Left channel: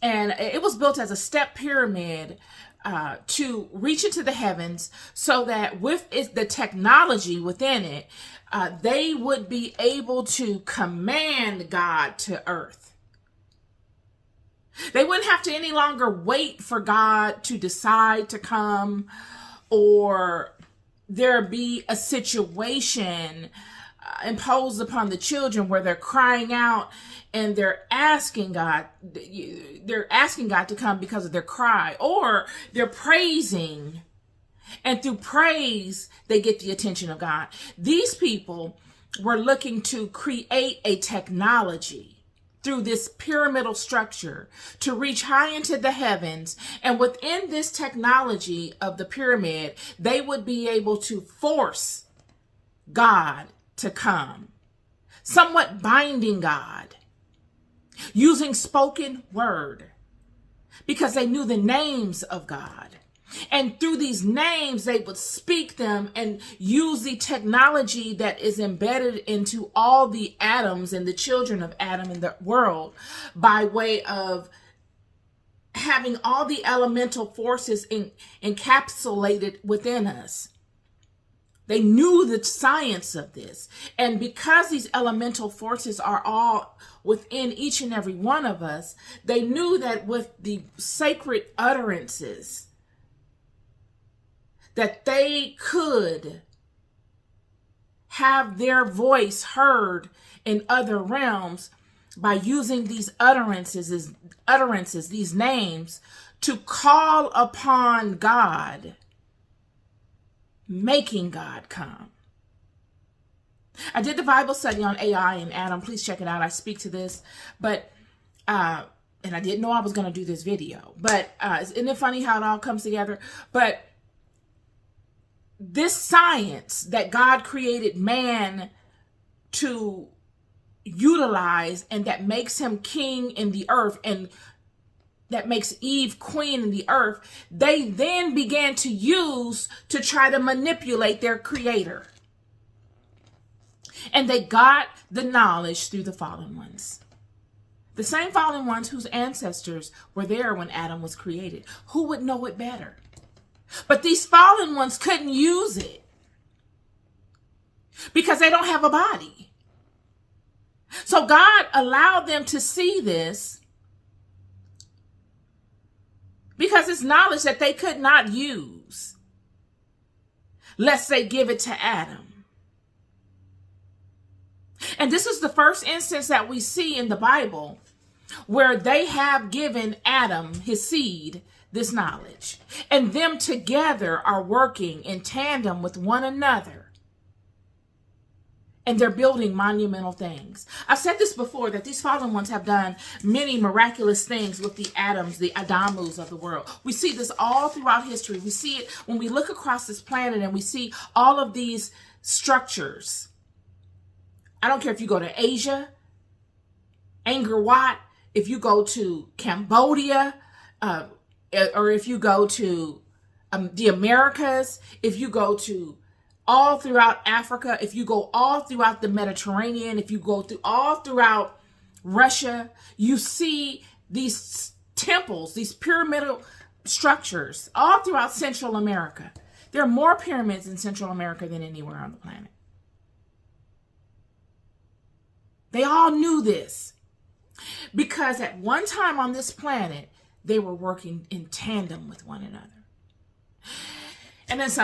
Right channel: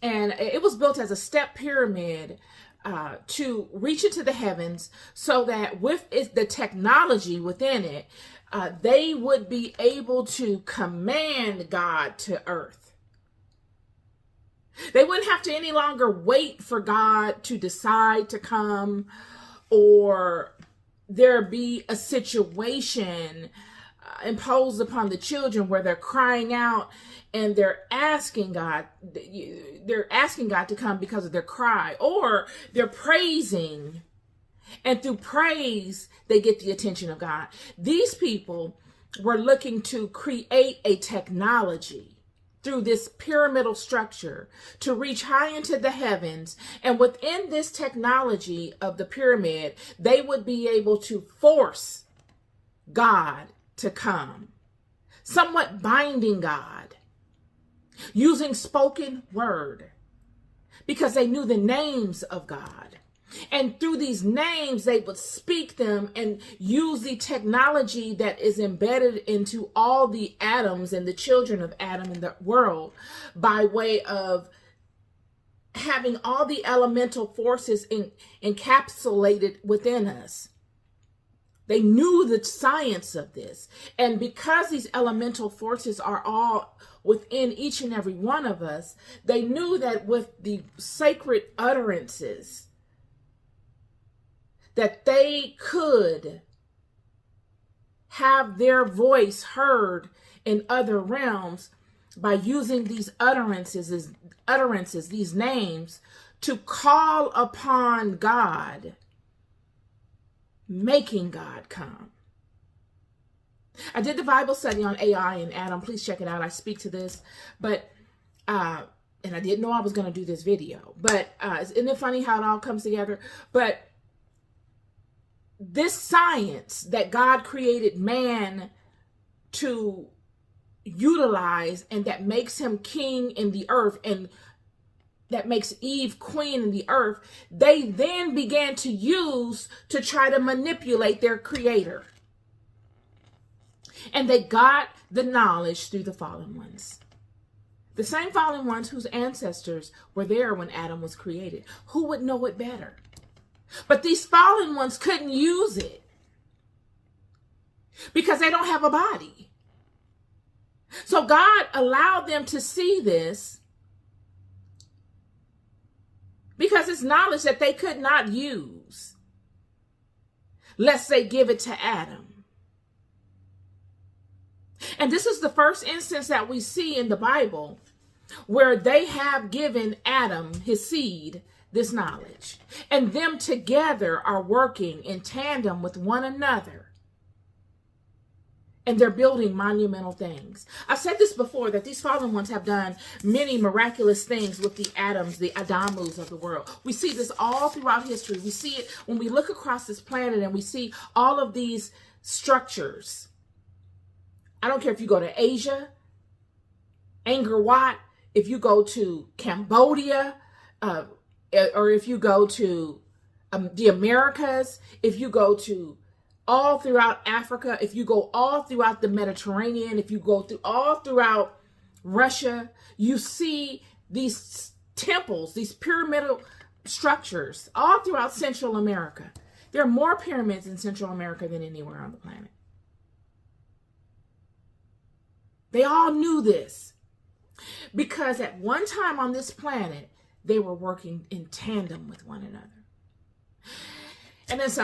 And it was built as a step pyramid to reach into the heavens, so that with the technology within it, they would be able to command God to earth. They wouldn't have to any longer wait for God to decide to come, or there be a situation imposed upon the children where they're crying out and they're asking God to come because of their cry, or they're praising, and through praise they get the attention of God. These people were looking to create a technology through this pyramidal structure to reach high into the heavens, and within this technology of the pyramid, they would be able to force God to come, somewhat binding God, using spoken word, because they knew the names of God. And through these names, they would speak them and use the technology that is embedded into all the atoms and the children of Adam in the world, by way of having all the elemental forces encapsulated within us. They knew the science of this. And because these elemental forces are all within each and every one of us, they knew that with the sacred utterances, that they could have their voice heard in other realms by using these utterances, these names, to call upon God, making God come. I did the Bible study on AI and Adam. Please check it out. I speak to this, but and I didn't know I was going to do this video, but isn't it funny how it all comes together? But this science that God created man to utilize, and that makes him king in the earth, and that makes Eve queen in the earth, they then began to use to try to manipulate their creator. And they got the knowledge through the fallen ones. The same fallen ones whose ancestors were there when Adam was created. Who would know it better? But these fallen ones couldn't use it because they don't have a body. So God allowed them to see this because it's knowledge that they could not use lest they give it to Adam. And this is the first instance that we see in the Bible where they have given Adam, his seed, this knowledge. And them together are working in tandem with one another. And they're building monumental things. I've said this before, that these fallen ones have done many miraculous things with the atoms, the Adamus of the world. We see this all throughout history. We see it when we look across this planet and we see all of these structures. I don't care if you go to Asia, Angkor Wat, if you go to Cambodia, or if you go to the Americas, if you go to all throughout Africa, if you go all throughout the Mediterranean, if you go through all throughout Russia, you see these temples, these pyramidal structures all throughout Central America. There are more pyramids in Central America than anywhere on the planet. They all knew this because at one time on this planet, they were working in tandem with one another. And then some